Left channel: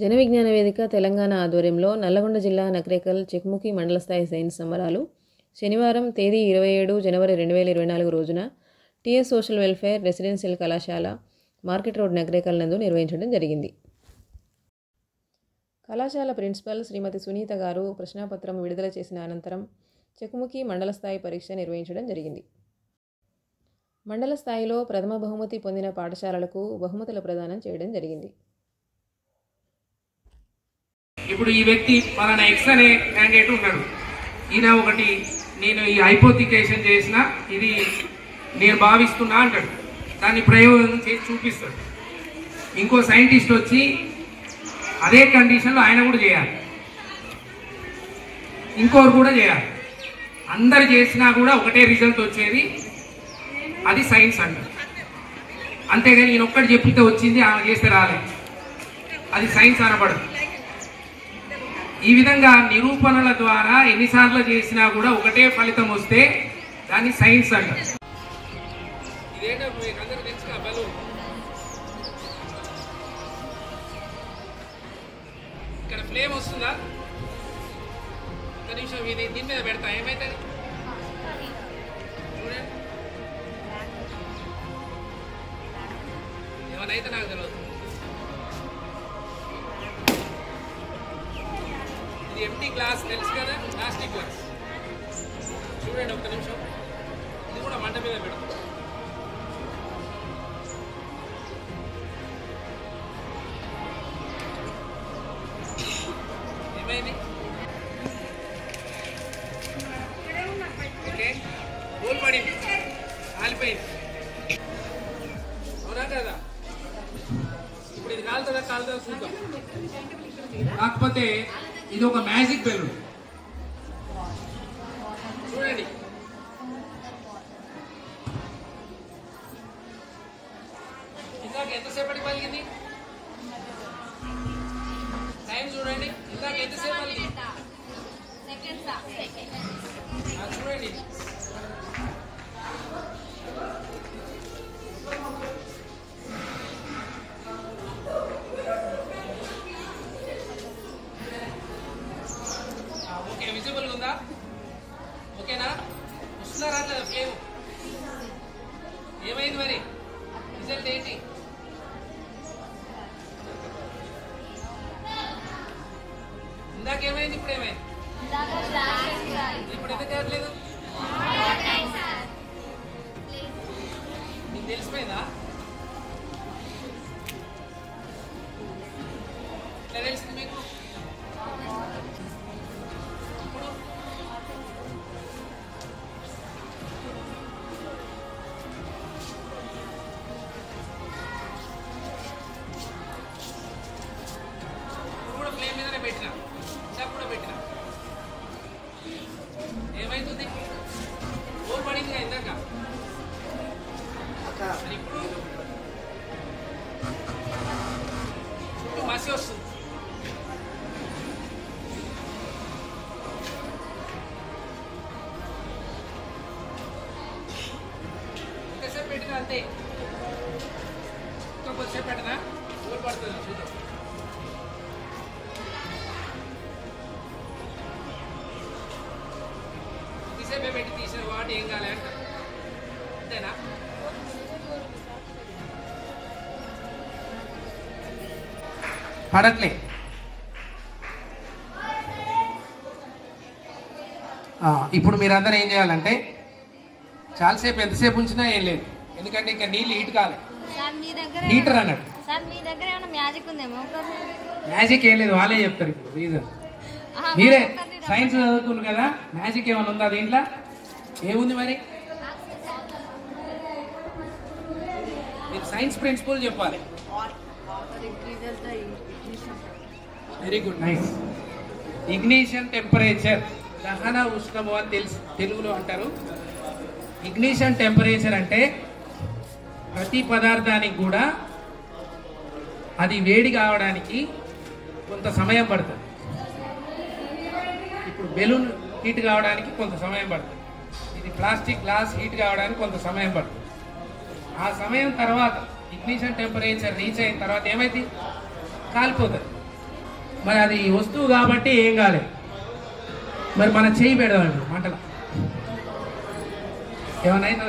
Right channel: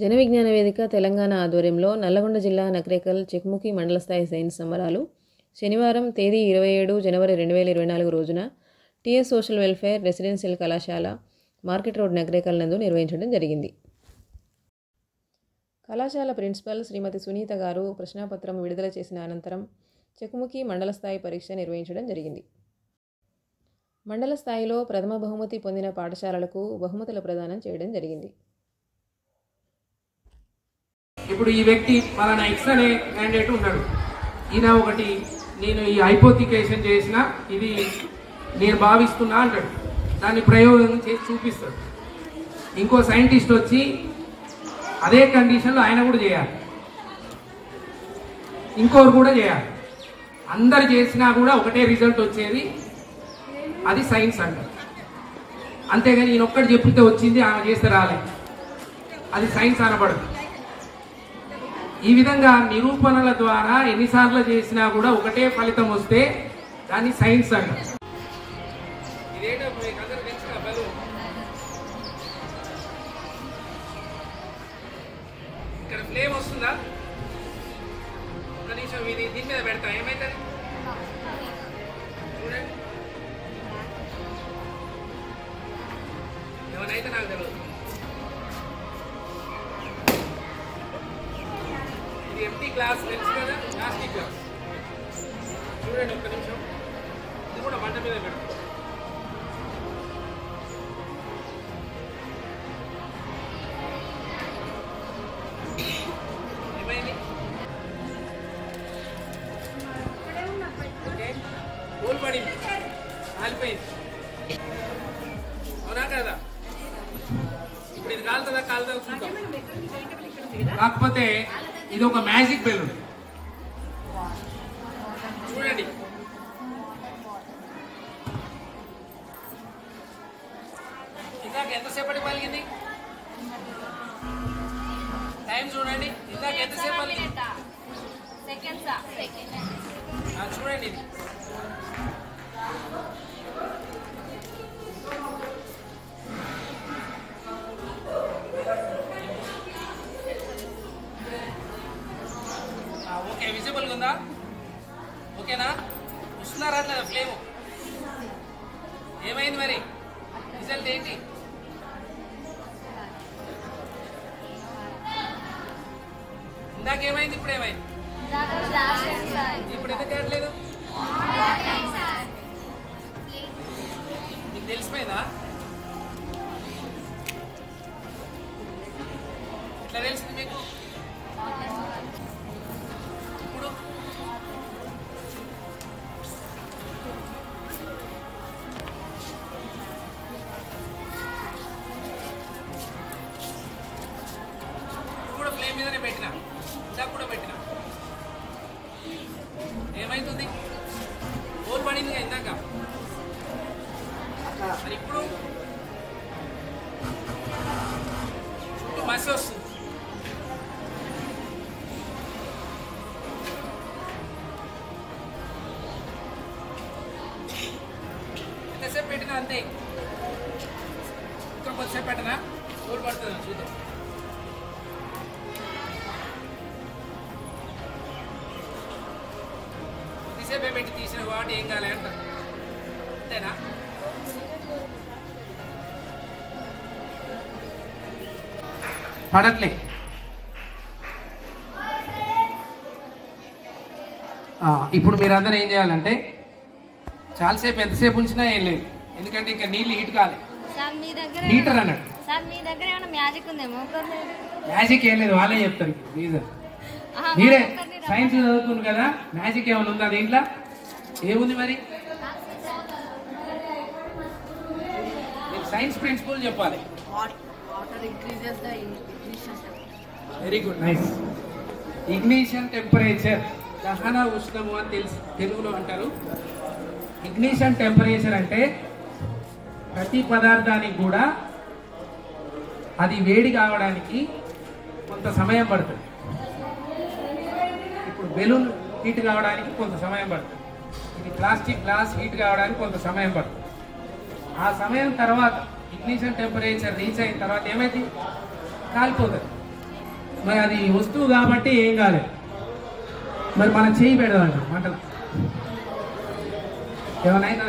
జన విజ్ఞాన వేదిక తెలంగాణ ఆధ్వర్యంలో నల్లగొండ జిల్లా నకరేకల్ చెక్ముఖి మండల స్థాయి సైన్స్ సంబరాలు శనివారం తేదీ 27 జనవరి 2024 రోజున టీఎస్ సోషల్ వెల్ఫేర్ రెసిడెన్షియల్ కళాశాల మార్కెట్ రోడ్ నకరేకల్ నందు నిర్వహించడం జరిగింది. కళాశాల ప్రిన్సిపల్ శ్రీమతి సునీత గారు ప్రశ్నాపత్రం విడుదల చేసిన అనంతరం చెక్ముఖి మండల స్థాయి పరీక్ష నిర్వహించడం జరిగింది. మండల స్థాయిలో ప్రథమ బహుమతి పొందిన పాఠశాలలకు బహుమతుల ప్రదానం చేయడం జరిగింది. ఇప్పుడు ఈ వ్యక్తి మన ఎక్స్ అనే క్యాండిడేట్ ఉన్నాడు. ఈయన ఒకటి నేను ఈ హైపోథికేషన్ చేసిన ఇది నేను భావిస్తున్నా అంటాడు. దాన్ని ప్రయోగం చేసి చూపిస్తాడు. ఇంకో సైంటిస్ట్ వచ్చి అదే కండిషన్లో ఆయన కూడా చేయాలి, ఇంకోరు కూడా చేయాలి. అందరు చేసినా కూడా ఒకటే రిజల్ట్ వచ్చేది, అది సైన్స్ అంటారు. అంతేగాని ఈయన ఒక్కటి చెప్పితే వచ్చింది, ఆమె చేస్తే రాలేదు, అది సైన్స్ అనబడదు. ఈ విధంగా నిరూపణల ద్వారా ఎన్నిసార్లు చేసినా కూడా ఒకటే ఫలితం వస్తే దాన్ని సైన్స్ అంటారు. ఇదేంటో మీకు అందరూ తెలుసు. బలూన్ ఇక్కడ ఫ్లేమ్ వస్తుందా? ఒక నిమిషం ఇది దీని మీద పెడతా, ఏమైతుంది చూడండి. ఏమనైతే నాకు తెలియదు. ఇది ఎంటీ గ్లాస్ తెలుసు కదా, ప్లాస్టిక్ గ్లాస్. చూడండి ఒక్క నిమిషం, ఇది కూడా మంట మీద పెడతాం. ఏమైంది? ఓకే, గోల్ పడింది, కాలిపోయింది. అవునా కదా? ఇప్పుడు ఇది కాలుతుందా కాలుతుందా చూద్దాం. కాకపోతే ఇది ఒక మ్యాజిక్ బెలూన్. చూడండి, ఇందాక ఎంతసేపటి పలిగింది? టైం చూడండి, ఇందాక ఎంతసేపు పలిగింది? చూడండి ఇది ఓకే, విజిబుల్గా ఉందా? ఓకేనా? వస్తున్నారా అట్లా ఫ్లేమ్? ఏమైంది మరి? రిజల్ట్ ఏంటి? ఇందాకేమైంది, ఇప్పుడు ఏమైంది? ఇప్పుడు ఎందుకు చేయట్లేదు? మీకు తెలిసిపోయిందా? ఎట్లా తెలిసింది మీకు? ఇప్పుడు కూడా ఫ్లేమ్ మీదనే పెట్టినా, ఇందాక కూడా పెట్టినా. ఏమైతుంది? గోల్ పడింది కదా ఇందాక. మరి ఇప్పుడు చుట్టూ మసి వస్తుంది. ఎంతసేపు పెట్టినా అంతే, ఇంకా కొద్దిసేపు పెట్టనా గోల్ పడుతుంది చూద్దాం. కొద్దిసేపే పెట్టి తీసిన వాటి ఏం కాలే అంట, అంతేనా? పడట్లే. ఇప్పుడు మీరందరూ ఏం చేయాలంటే చాలాసేపు ఎంతసేపు ఉంచినా ఏం లేదు, ఎందుకంటే ఇంకా నీళ్ళు హీట్ కాలే. హీటర్ అన్నట్టు మ్యాజిక్ ఏం లేదు, వాళ్ళే చెప్తారు ఇప్పుడు రీజన్. మీరే సైన్స్ చదువుతున్నారు కదా, మ్యాజిక్ ఏమైనా ఉందా దీంట్లో? ఏముంది మరి? మీరు సైన్స్ ప్రిన్సిపల్ చెప్పాలి. Very good, nice. Ignition temperature, దహన ఉష్ణము అని తెలుగులో అంటారు. ఇగ్నిషన్ టెంపరేచర్ అంటే ప్రతి పదార్థానికి కూడా అది వేడి కావడానికి కొంత సమయం పడుతుంది. ఇప్పుడు బెలూన్ హీట్ కావడానికి కొంత సమయం పడుతుంది, ఇది ప్లాస్టిక్ గ్లాస్ హీట్ కావడానికి కొంత సమయం పడుతుంది. ఆ సమయం తర్వాత ఇగ్నిషన్ టెంపరేచర్ రీచ్ అయిన తర్వాత ఏమైంది? కాలిపోతుంది. మరి అది వస్తువు కాబట్టి ఏం కాలేదు. మరి మనం చేయి పెడదామండి మంటలు, ఏమన్నా అయినా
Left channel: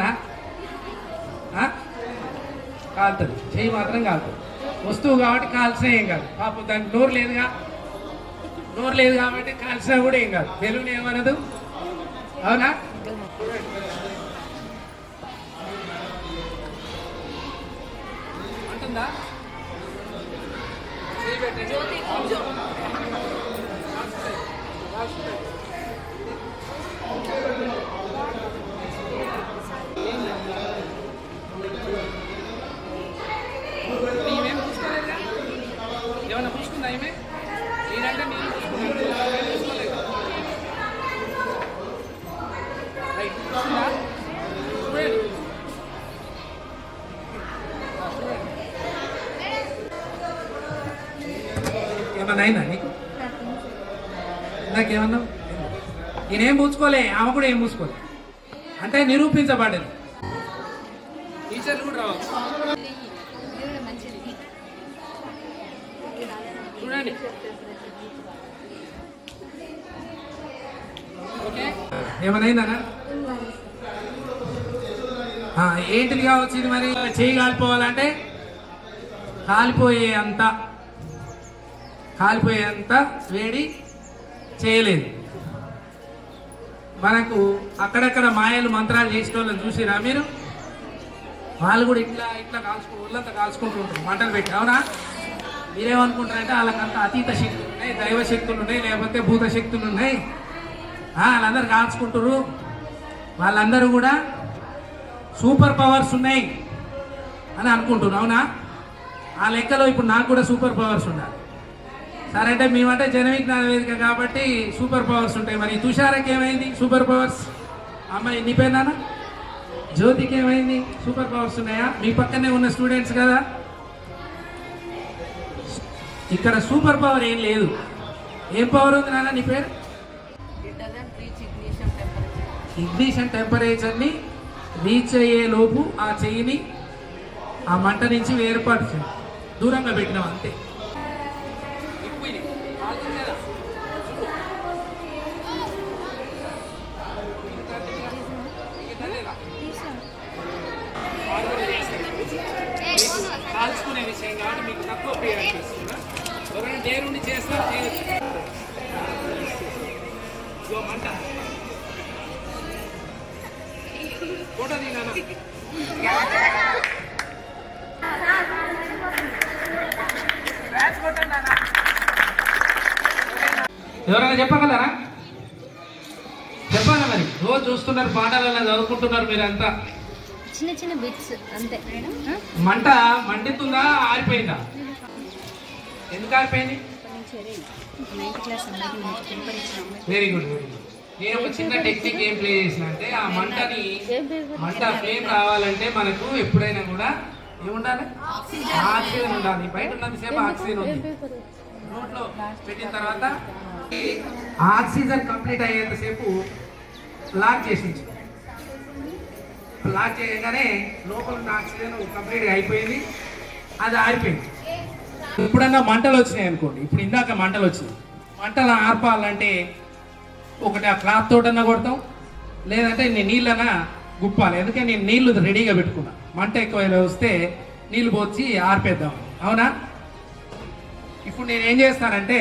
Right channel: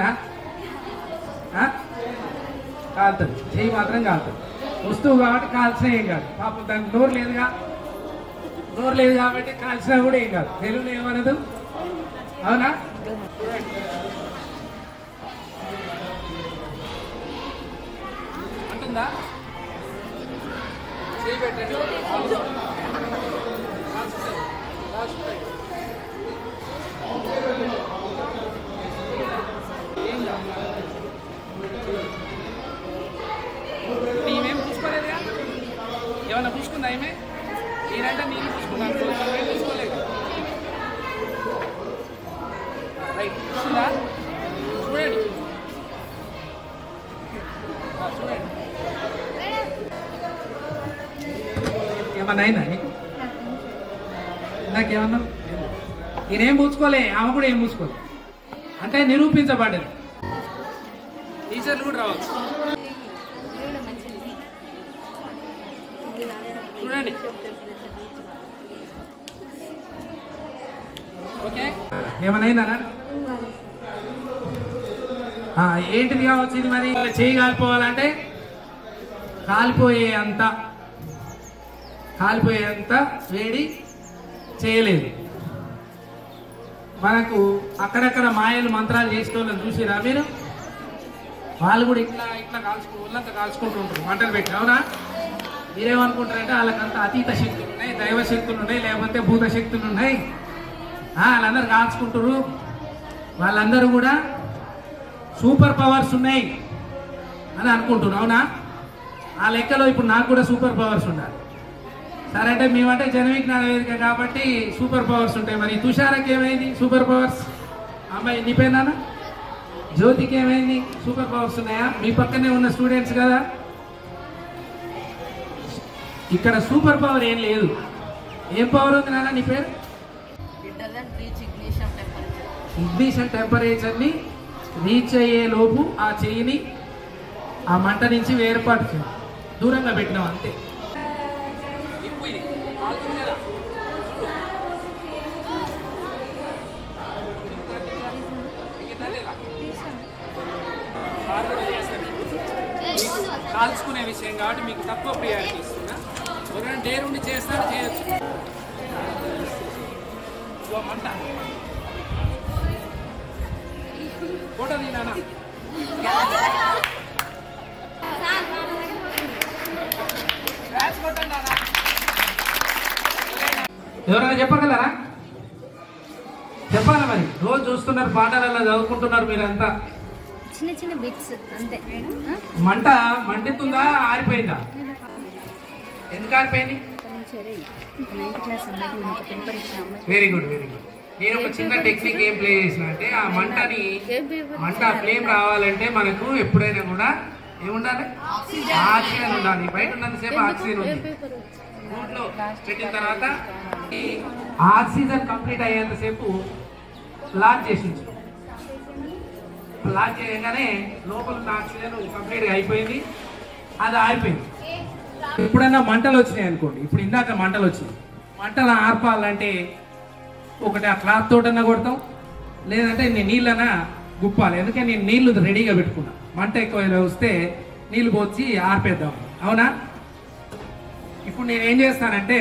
కాలుతుంది, చేయి మాత్రం కాలుతుంది. వస్తువు కాబట్టి కాల్చినా ఏం కాదు. పాపం దానికి నోరు లేదుగా, నోరు లేదు కాబట్టి కాల్చినా కూడా ఏం కాదు. తెలుగులో ఏమనదు, అవునా? అంటుందా? చేయి పెట్టండి. ఈమెం పూసుకోలేదుగా, ఏమన్నా పూసుకుందా? ఈమె నేనంటే నేను పూసుకున్నాను, ఏం పూసుకోలేదు. రైట్, పూసుకుందా? చూడండి చూడండి, ఏమన్నా అయిందా నీకు? నాకేమన్నా నేనేం పూసుకోలే, ఆమె కూడా ఏం పూసుకోలే అంటే నిరూపించబడ్డది. టీచర్లు కూడా రావచ్చు. చూడండి, ఓకే. ఏమనైందా? ఏంటిది కావచ్చు ఇది? మరి చేయి కాలిపోవాలంటే కాలిపోయేంత వేడి చేయలేదు. మనకు అక్కడక్కడ మాయలు మంత్రాలు చేసిన వాళ్ళని చూసిరా మీరు? వాళ్ళు కూడా ఇట్లా ఒళ్ళంతా కాల్చుకుంటూ ఉంటారు మంటలు పెట్టి, అవునా? మీరేమనుకుంటారంటే వాళ్ళకంత అతీత శక్తులు ఉన్నాయి, దైవ శక్తులు ఉన్నాయి, లేకపోతే భూత శక్తులు ఉన్నాయి, వాళ్ళందరూ కాల్చుకుంటారు, వాళ్ళందరూ కూడా సూపర్ పవర్స్ ఉన్నాయి అని అనుకుంటున్నారు, అవునా? ఆ లెక్కలో ఇప్పుడు నాకు కూడా సూపర్ పవర్స్ ఉండాలి. సరే అంటే మేమంటే జన విజ్ఞాన వేదిక కాబట్టి సూపర్ పవర్స్ ఉంటాయి. మరి తుషారకి ఏమైంది సూపర్ పవర్స్? అమ్మాయి నీ పేరు నాన్న? జ్యోతికి ఏమైంది సూపర్ పవర్స్ ఉన్నాయా? మీ పక్కనే ఉన్న స్టూడెంట్స్ కదా. ఇక్కడ సూపర్ పవర్ ఏం లేదు. ఏం పవర్ ఉంది నాన్న నీ పేరు? ఇగ్నిషన్ టెంపరేచర్ ని రీచ్ అయ్యే లోపు ఆ చెయ్యిని ఆ మంట నుంచి వేరుపడుతుంది, దూరంగా పెట్టినాం అంతే. కాల్చుకునే విషయం కాబట్టి మీకు తక్కువ ప్రియారిటీ ఇస్తున్నా. ఎవరైనా డేర్ ఉండి చేస్తారు, చేయొచ్చు. మంట ఫోటో తీనా? ఎవరైనా చెప్పగలరా? చెప్పాలా? మరి రోజు చూస్తున్నారు, పాఠాలలో చదువుకుంటున్నారు మీరంతా. చిన్న చిన్న బిట్స్ అంతే. మంట మండుతుందా, ఆరిపోయిందా? ఎందుకు ఆరిపోయింది? Very good, very good. నేను ఒక చిన్న టెక్నిక్ ఏం ప్లే చేసిన అంటే, ఆ మంట ఫ్లేమ్ రావాలంటే మనకు ఎప్పుడైనా కూడా ఏముండాలి? ఆక్సిజన్ ఉండాలి. బయట ఉన్నంతసేపు ఆక్సిజన్ ఉంది. నోట్లో పెట్టిన తర్వాత ఆక్సిజన్ కంప్లీట్ అయ్యేంతసేపు లాక్ చేసించు. లాక్ చేయగానే లోపల ఆక్సిజన్ కంప్లీట్గా అయిపోయింది, అది ఆరిపోయింది. ఎప్పుడన్నా మంటలు వచ్చినాయి అనుకోండి, ఇప్పుడు ఇందాక మంటలు వచ్చినాయి, మంటలు ఆర్పాలంటే ఒకటి ఆ క్లాత్ తోటన్నా కొడతాం, లేదంటే నేను నీళ్ళన్నా గుప్పాలి. ఎందుకంటే నేను నీళ్లు రెడీగా పెట్టుకున్నా, మంట ఎక్కువ వస్తే నీళ్లు పోసి ఆర్పేద్దాం, అవునా? ఇప్పుడు నేను ఏం చేస్తానంటే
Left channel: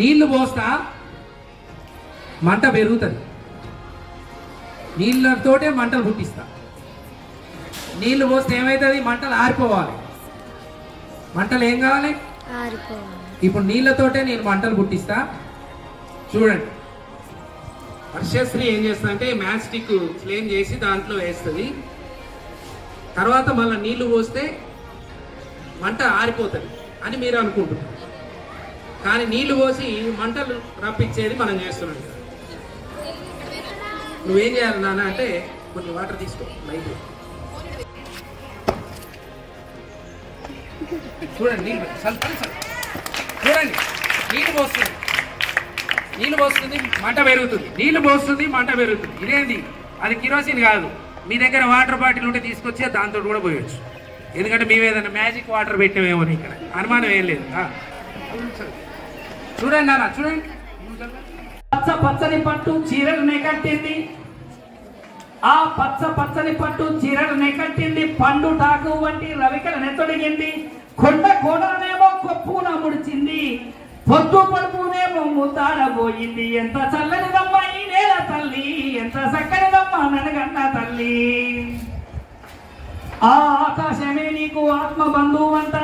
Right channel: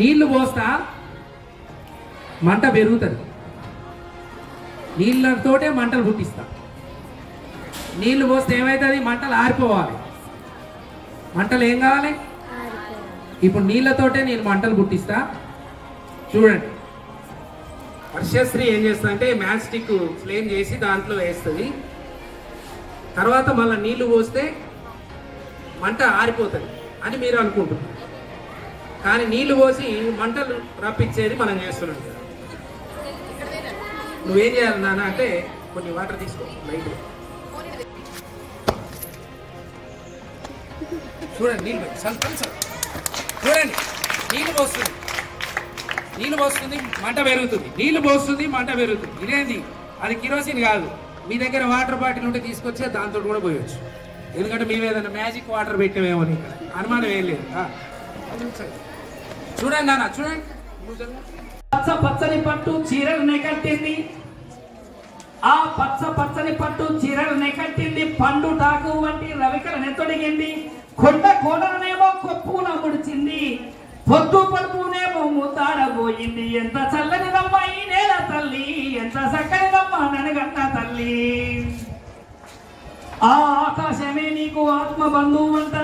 నీళ్లు పోస్తా, మంట పెరుగుతుంది. నీళ్ళతోటే మంటలు పుట్టిస్తా. నీళ్లు పోస్తే ఏమవుతుంది? మంటలు ఆరిపోవాలి. మంటలు ఏం కావాలి? ఇప్పుడు నీళ్ళతోటే నేను మంటలు పుట్టిస్తా. చూడండి, వర్షశ్రీ ఏం చేస్తుందంటే మ్యాచ్ స్టిక్ ఫ్లేమ్ చేసి దాంట్లో వేస్తుంది. తర్వాత మళ్ళీ నీళ్లు పోస్తే మంట ఆరిపోతుంది అని మీరు అనుకుంటున్నారు, కానీ నీళ్లు పోసి మంటలు రప్పించేది మనం చేస్తున్నాం. నువ్వేం చేయాలి నాన్న అంటే కొన్ని వాటర్ తీసుకో లైట్. చూడండి, నీళ్ళు చూడండి, నీళ్ళు పోస్తుంది, మంట పెరుగుతుంది. నీళ్లు పోస్తుంది, మంట పెరుగుతుంది. ఇదేంది? అది కిరోసిన్ కాదు. మీ దగ్గర వాటర్ బాటిల్ ఉంటే తీసుకొచ్చి దాంతో కూడా పోయొచ్చు. ఎందుకంటే మేము ఏదైనా మ్యాజిక్ వాటర్ పెట్టామేమో, ఇక్కడ అనుమానం ఏం లేదు. చూడండి అన్న చూడండి. పచ్చ పచ్చని పట్టు చీరలు నెకట్టింది, ఆ పచ్చ పచ్చని పట్టు చీరలు నెకట్టింది, పండు టాకు వంటి రవికల నెత్తొడిగింది, కొండ కోడలనేమో కొప్పున ముడిచింది, పొద్దు పడుపునేమో ముద్దాడబోయింది. ఎంత చల్లనిదమ్మ ఈ నేల తల్లి, ఎంత చక్కనిదమ్మ ననగన్న తల్లి. ఆ ఆకాశమే నీకు ఆత్మ బంధువు అంట,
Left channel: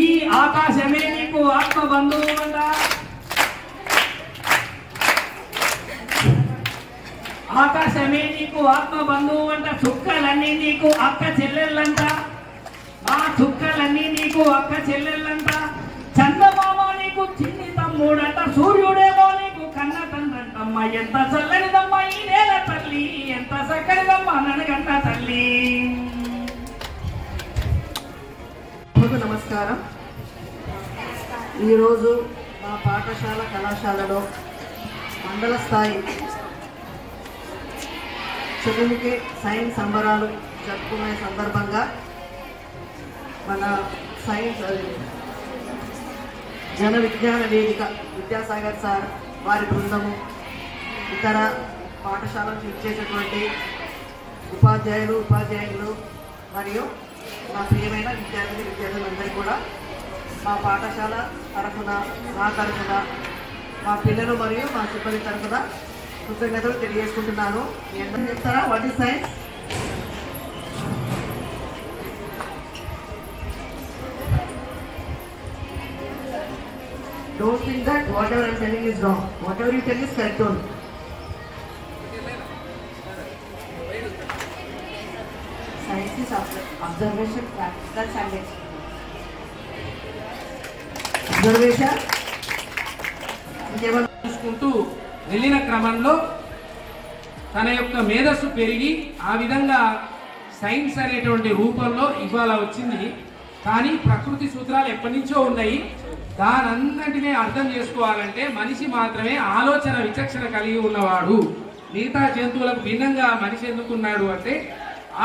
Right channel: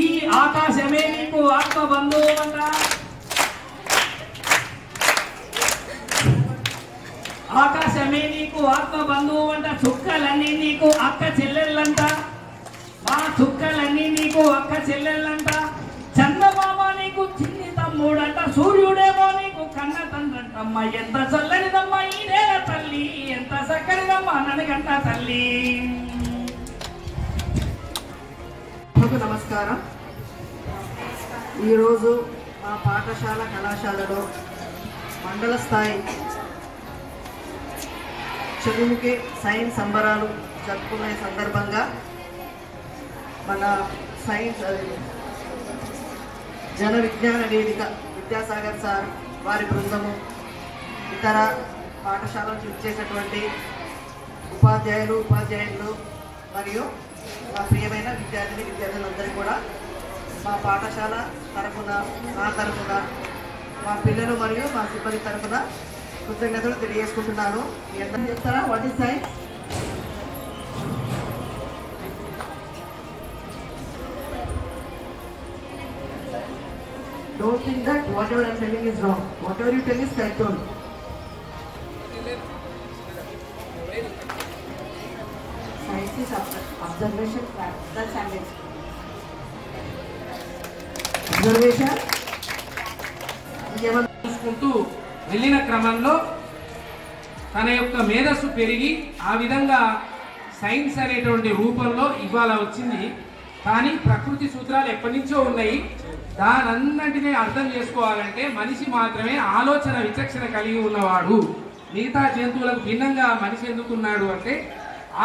ఈ ఆకాశమే నీకు ఆత్మ బంధువు అంట. ఆకాశమే నీకు ఆత్మ బంధువు అంట, చుక్కలన్నీ నీకు అక్క చెల్లెళ్ళంట, ఆ చుక్కలన్నీ నీకు అక్క చెల్లెళ్ళంట. చందమామ నీకు చిన్ని తమ్ముడంట, సూర్యుడేమో నీకు కన్న తండ్రంటమ్మ. ఎంత చల్లనిదమ్మ ఈ నేల తల్లి, ఎంత చక్కనిదమ్మ ననగంట తల్లి. నమస్కారం. ఈరోజు మా పాఠశాల కళాశాలలో మండల స్థాయి చెగుముకి సైన్స్ సంబరాలు జరుపుకునే సందర్భంగా మన సైన్స్ జన విజ్ఞాన వేదిక విద్యాసాగర్ సార్ వారి బృందము, ఇతర పాఠశాలకు ఇచ్చేటటువంటి ఉపాధ్యాయులు మరియు మా ప్రియమైన విద్యార్థులందరూ కూడా మా పాఠశాల తరఫున, నా తరఫున, మా పిల్లలు మరియు మా సిబ్బంది తరఫున కృతజ్ఞతలు తెలియజేసుకుంటున్నాను. ఎంత చెప్తారా? What is science? Don't think that whatever I'm telling is wrong. Whatever you tell is correct only. Science is observation, practical science. Observation. చూసుకుంటూ వెళ్ళిన క్రమంలో తన యొక్క మేధస్సు పెరిగి ఆ విధంగా సైన్స్ అనేటువంటి రూపంలో ఇవాళ వచ్చింది. కానీ ప్రకృతి సూత్రాలు ఎప్పటి నుంచో ఉన్నాయి. దానంతటినీ అర్థం చేసుకోవాలంటే మనిషి మాత్రమే ఆలోచన విచక్షణ కలిగి ఉన్నవాడు. మిగతా జంతువులకు భిన్నంగా మనిషి ఎందుకున్నాడు అంటే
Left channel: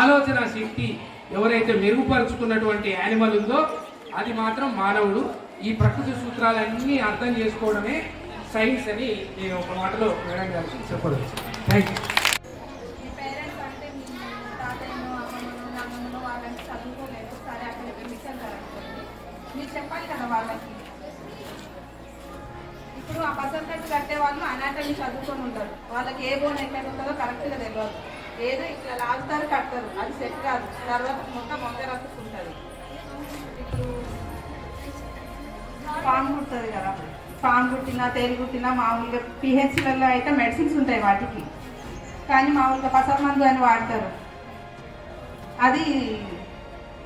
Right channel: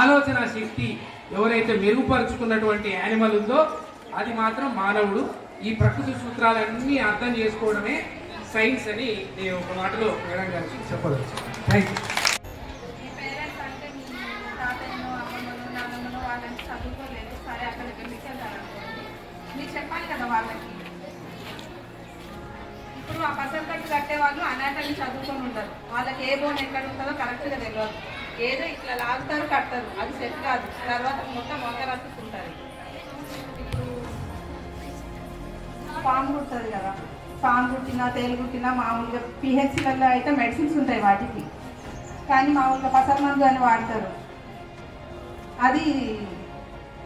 ఆలోచన శక్తి ఎవరైతే మెరుగుపరుచుకున్నటువంటి యానిమల్ ఉందో అది మాత్రం మానవుడు. ఈ ప్రకృతి సూత్రాలన్నీ అర్థం చేసుకోవడమే సైన్స్ అని నేను ఒక మాటలో మేడం గారికి చెప్పవచ్చు. Thank you. మీ పేరెంట్స్ అంటే మీ తాతయ్యను, అమ్మమ్మను, నాన్నమ్మను వాళ్ళని చదువుకోలేదు, సరే అక్కడ వెళ్ళికెళ్తారు అనుకోండి. మీరు చెప్పాలి కదా వాళ్ళకి. ఇప్పుడు ఆ పర్సెంటేజ్ కట్టే వాళ్ళు అనాటమీ చదువుకొని ఉంటారు. వాళ్ళకి ఏ బోన్ ఎక్కడ ఉంటుందో కరెక్ట్గా తెలియదు. ఏదో ఇట్లా లాగుతారు, కడతారు, అది సెట్ కాదు. తర్వాత మొత్తం వంక రట్టుకుంటుంది. ఇప్పుడు పాము కుడుతుంది కదా, పాము కుట్టినా తేలి కుట్టినా మామూలుగా పిహెచ్లలో అయితే మెడిసిన్స్ ఉంటాయి వాటికి, కానీ మామూలుగా పసరు మందు అని వాడతారు. అది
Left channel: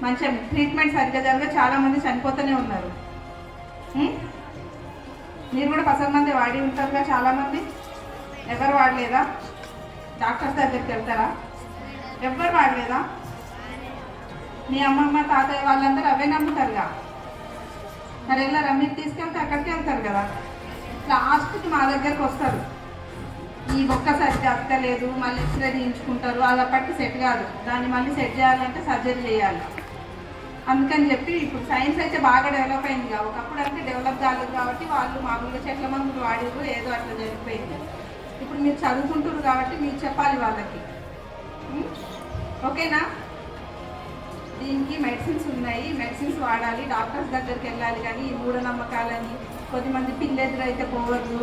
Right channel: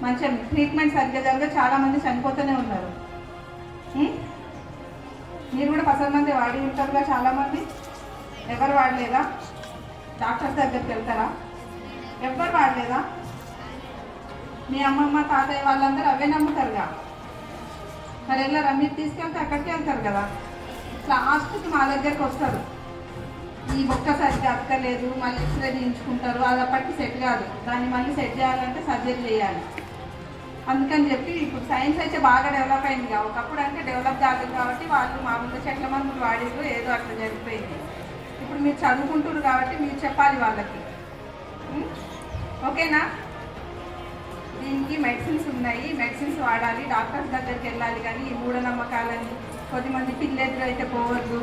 మంచిగా ట్రీట్మెంట్ సరిగ్గా జరిగే చాలా మంది చనిపోతూనే ఉన్నారు. మీరు కూడా పసరు మంది వాడి ఉంటారుగా చాలా మంది. ఎవరు వాడలేదా? డాక్టర్స్ దగ్గరికి వెళ్తారా? ఎవరు వాడలేదా? మీ అమ్మమ్మ తాతయ్య వాళ్ళందరూ అవే నమ్ముతారుగా. మరి వెళ్ళారా? మీరు తీసుకెళ్తే అక్కడికి వెళ్తారు కదా. లాస్ట్కి మా దగ్గరకు వస్తారు, ఈ ఒక్కసారి అక్కలేదు, మళ్ళీ ఎక్స్రే తీయించుకుంటారు. అలా పట్టి సెట్ కాదు, దాన్ని మళ్ళీ సెట్ చేయాలంటే సర్జరీ చేయాలి. అందుకని చెప్పి ఇప్పుడు సైన్స్ అయితే బాగా డెవలప్ అయింది. ఒకప్పుడు అంటే డెవలప్ కాలేదు కాబట్టి వాళ్ళు మామూలుగా చెట్ల మందులు వాడిరు, ఏదో అట్లా జరిగిపోయింది. ఇప్పుడు మీరు చదువుకుంటారు కాబట్టి మీరు చెప్పాలి వాళ్ళకి. ఓకేనా? దీనికి మెడిసిన్స్ ఉన్నాయి, మెడిసిన్స్ వాడాలి, డాక్టర్స్ దగ్గరికి వెళ్ళాలి. కానీ ఈ మూఢనమ్మకాలని కొద్దిమంది పిల్లెదురు అయితే పోవద్దు,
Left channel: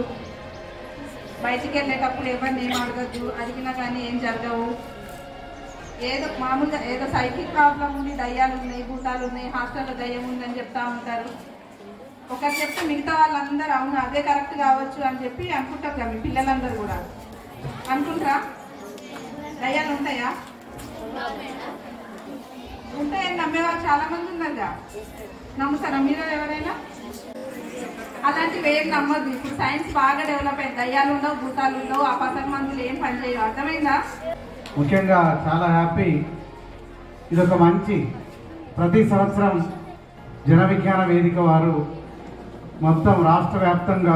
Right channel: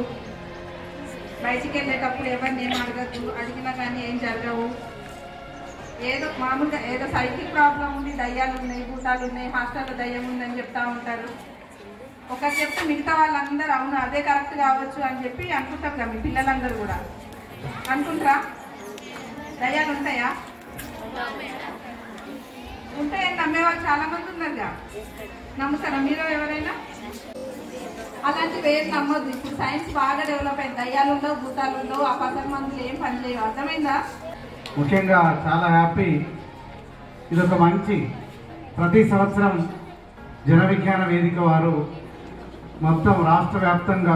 బయటికి వెళ్ళేటప్పుడు ఎవరిని ఏం అడగద్దు, అడిగినా కానీ ఏం జరగవు. ఏదో మామూలుగా ఏదో సైకిల్ ప్రాబ్లం ఉంది, దయ్యాలు ఉన్నాయి, భూతాలు ఉన్నాయి, హాస్టల్లో దయ్యం ఉందని చెప్తా ఉంటారు. ఒకటి చెప్తే మిగతా వాళ్ళందరూ అవును అదే కరెక్ట్ కావచ్చు అని చెప్పి అనుకుంటారు కదా. మీ పిల్లలందరూ కూడా అనుకుంటారా? దయ్యాలు ఉంటాయా? ఉంటాయని నమ్మేవాళ్ళు చాలా మంది ఉన్నారుగా. నమ్ముతారా మీరు ఎవరైనా? అలాంటివి ఏం నమ్మొద్దు. ఇప్పుడు సైన్స్ బాగా డెవలప్ అయింది. దయ్యాలు ఉండవు, భూతాలు ఉండవు, అపాసర మందులు ఏం పనిచేయవు. అర్థమైందా? ముఖ్యంగా చాలా హ్యాపీ. ఇదొక మంచి ప్రతి సంవత్సరం జన విజ్ఞాన వేదిక వారు మొత్తం రాష్ట్ర వ్యాప్తంగా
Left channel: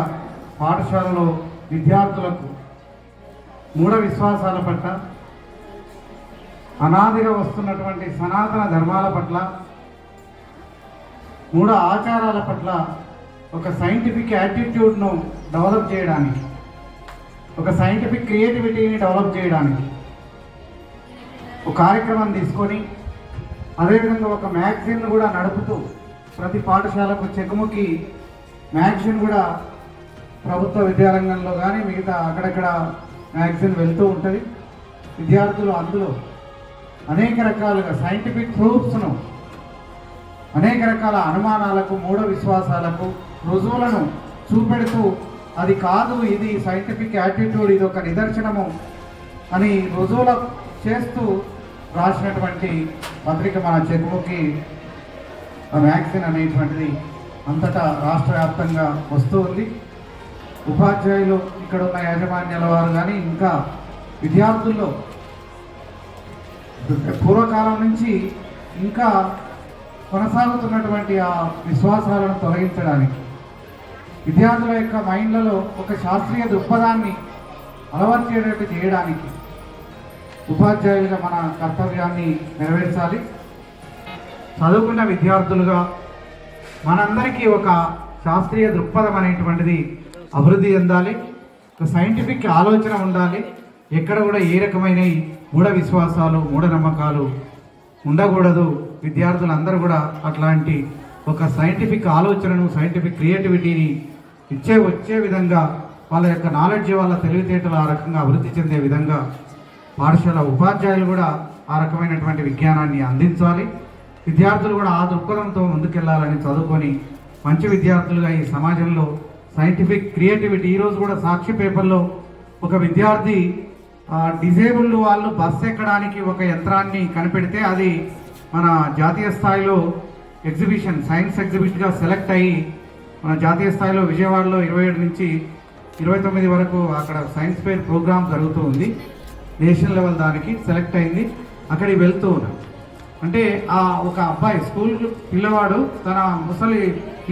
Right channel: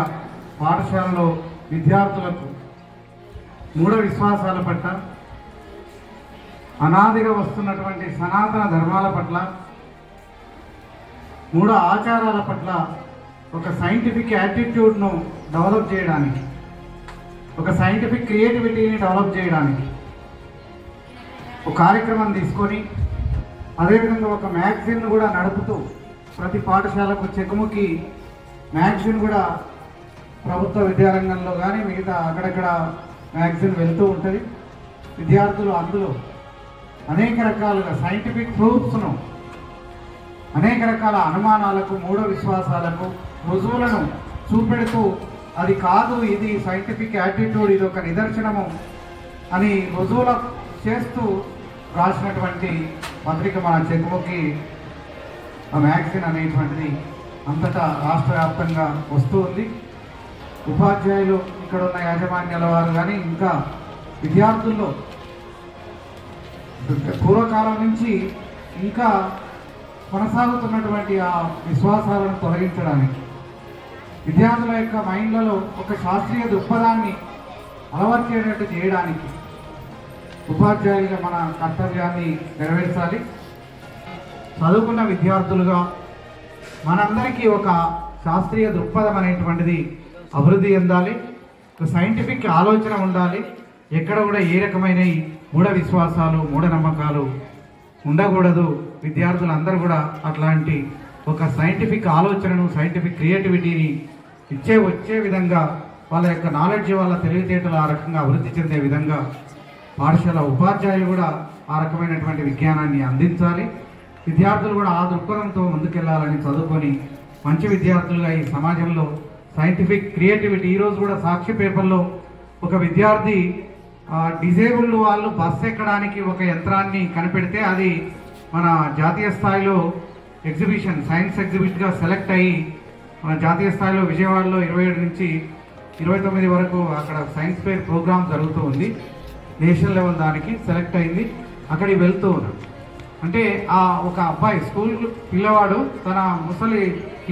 పాఠశాలలో విద్యార్థులకు మూఢ విశ్వాసాల పట్ల, అనాదిగా వస్తున్నటువంటి సనాతన ధర్మాల పట్ల, మూఢ ఆచారాల పట్ల ఒక సైంటిఫిక్ యాటిట్యూడ్ను డెవలప్ చేయడానికి, ఒక సైంటిఫిక్ క్రియేటివిటీని డెవలప్ చేయడానికి ఒక కార్యక్రమం తీసుకొని, అదేవిధంగా ఒక మ్యాగజైన్ కూడా నడుపుతూ ప్రతి పాఠశాలకు చెకుముకి మ్యాగజైన్ కూడా ప్రభుత్వ విద్యారంగంలో కానీ మిగతా అక్కడక్కడ మ్యాగజైన్ వెళ్తూ ఉంటుంది. విద్యార్థులు అందులో అనేక రకాలుగా సైంటిఫిక్ ప్రూఫ్స్ను, అనేక రకాల అనుమానాలకు, మూఢ విశ్వాసాలకు రుజువులను చూపెడుతూ అది కాదు, ఇది సైంటిఫిక్ యాటిట్యూడ్, ఇది ఒక నిదర్శనము అని రుజువుల చేస్తూ రాసినటువంటి పత్రిక మన చెకుముకి మ్యాగజైన్ అనేటువంటిది అంతటా రాష్ట్ర వ్యాప్తంగా వస్తూ ఉంది. ఉపాధ్యాయులు, ఇక్కడ ఉన్న యాజమాన్యాల వారు కానీ ఇంకా విద్యార్థుల్లో పూర్వకాలం నుంచి ఇంకా కొనసాగుతున్నటువంటి ఆ విశ్వాసాలను తొలగించడానికి, విద్యార్థుల యొక్క మైండ్లలో ఒక శాస్త్రీయ దృక్పథాన్ని అలవర్చేటట్టు చేయడానికి ఉపాధ్యాయులుగా మన కర్తవ్యాన్ని నెరవేర్చాలి. చదువుకున్న విద్యార్థులుగా మనందరికీ ఒక శాస్త్రీయ దృక్పథం అనేటువంటిది అభివృద్ధి చెందాలి. ఒక సైంటిఫిక్ ఆలోచన ఉండాలి. ఎక్కడ కూడా ఏ రకమైన మూఢ విశ్వాసాలు, మూఢనమ్మకాలు ఉండకూడదు. విద్యార్థులందరూ కూడా అట్లాంటి ఒక సైంటిఫిక్ ఆలోచనను, సైంటిఫిక్ క్రియేటివిటీని వచ్చే విధంగా వాళ్ళ యొక్క నాలెడ్జ్, వాళ్ళ తెలివితేటలు ఆ రకంగా అభివృద్ధి చెందే విధంగా పాఠశాల ఉపాధ్యాయులు కూడా ఆ రకమైనటువంటి విజ్ఞానాన్ని అందించాలి. విద్యార్థులు కూడా ఆ దృక్పథంతో ముందుకెళ్లాలని, చదువుకొని మంచి విద్యార్థులుగా ఈ సమాజంలో సైంటిఫిక్ క్రియేటివిటీ. ఈరోజు కూడా సాక్షి పేపర్లో ఒక విద్యార్థి డిజేబుల్డ్ వాళ్ళు బస్సు ఎక్కడానికి ఒక యంత్రాన్ని కనిపెడితే అది మన జాతీయ స్థాయిలో ఎగ్జిబిషన్, సైన్స్ ఎగ్జిబిట్గా సెలెక్ట్ అయ్యి మన జాతీయ స్థాయిలో విజయవాడలో 27 నుంచి 29 వరకు అక్కడ సైన్స్ ఫెయిర్ ప్రోగ్రామ్ జరుగుతూ ఉంది. నేషనల్ లెవెల్ దానికి సెలెక్ట్ అయింది. అక్కడికి వెళ్తూ ఉన్నాడు. అంటే ఆ ఒక అబ్బాయి, స్కూల్ పిల్లవాడు, తన ముసలి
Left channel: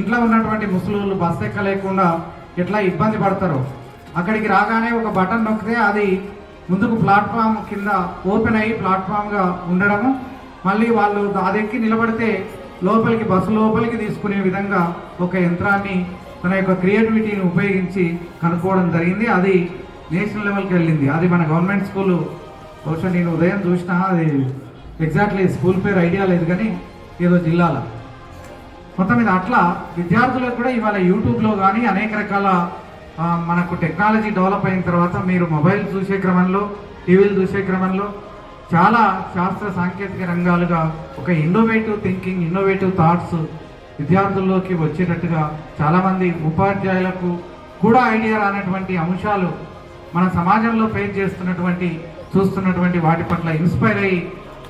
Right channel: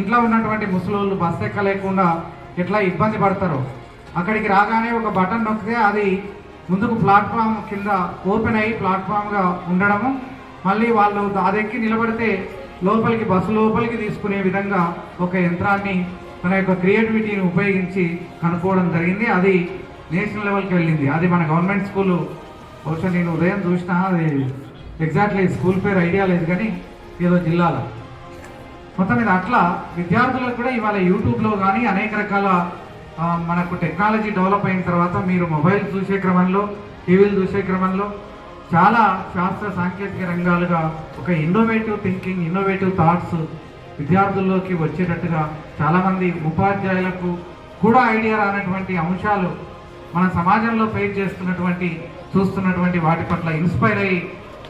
ఇంట్లో ఉన్నటువంటి ముసలోళ్ళు బస్సు ఎక్కలేకుండా ఎట్లా ఇబ్బంది పడతారో అక్కడికి రాగానే ఒక బటన్ నొక్కితే అది ముందుకు ప్లాట్ఫామ్ కింద ఓపెన్ అయ్యి ప్లాట్ఫామ్గా ఉండడము, మళ్ళీ వాళ్ళు అదెక్కి నిలబడితే లోపలికి, బస్సు లోపలికి తీసుకునే విధంగా ఒక యంత్రాన్ని తన యొక్క క్రియేటివిటీని ఉపయోగించి కనుక్కోవడం జరిగింది. అది నేషనల్ లెవెల్కి వెళ్ళింది. అది మన గవర్నమెంట్ స్కూలు, బహుశా నేను ఉదయం చూసినా, అది ఎగ్జాక్ట్లీ స్కూల్ పేరు ఐడియా లేదు కానీ ఏదో జిల్లాలో. మొత్తం మీద అట్లా విద్యార్థులకు కూడా ఇవాళ యూట్యూబ్లో కానీ అనేక రకాల మనకు టెక్నాలజీ డెవలప్ అయిన తర్వాత మీరు మొబైల్ చూసే క్రమంలో, టీవీలు చూసే క్రమంలో చాలా శాస్త్ర సాంకేతిక రంగాలుగా ఒక ఇన్నోవేటివ్ థింకింగ్, ఇన్నోవేటివ్ థాట్స్ విద్యార్థుల్లోకి వచ్చేటట్టుగా చాలామంది ఉపాధ్యాయులకు కూడా ఐడియా రానటువంటి అంశాలు మన సమాజంలో ఫేస్ చేస్తున్నటువంటి, చూస్తున్నటువంటి వాటి పట్ల ఇన్స్పైర్ అయ్యి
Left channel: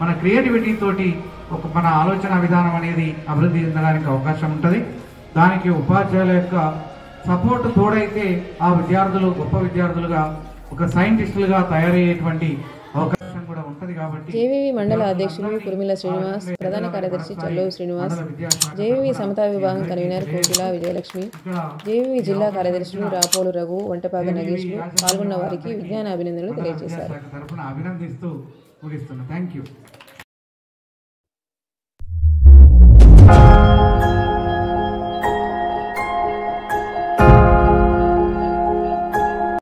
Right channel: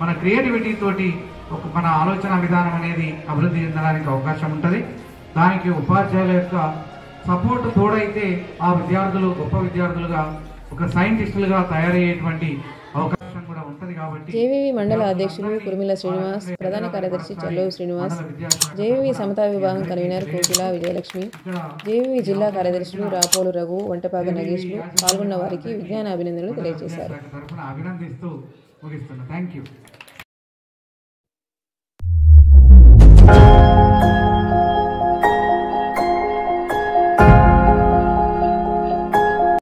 మన క్రియేటివిటీ తోటి ఒక మన ఆలోచన విధానం అనేది అభివృద్ధి చెందడానికి అవకాశం ఉంటుంది. దానికి ఉపాధ్యాయుల యొక్క సపోర్ట్ తోడైతే ఆ విద్యార్థులు గొప్ప విద్యార్థులుగా, ఒక సైంటిస్టులుగా తయారయ్యేటువంటి అవకాశం కూడా ఉంటుంది. కాబట్టి జేవీవి మండల అధ్యక్షులు కుర్మిల శ్రీనివాస్, ప్రధాన కార్యదర్శి చల్లోవి శ్రీనివాస్, జేవీవి సమతా విభాగం కన్వీనర్ కోకిల విజయలక్ష్మి, జేవీవి జిల్లా కార్యదర్శులు రాపోలు రఘు, వంటపాగ నగేష్లు పాల్గొన్న వారికి విజ్ఞాన అభినందనలు తెలియజేశారు. తరఫున అభినందిస్తూ ముగిస్తున్నాను. Thank you.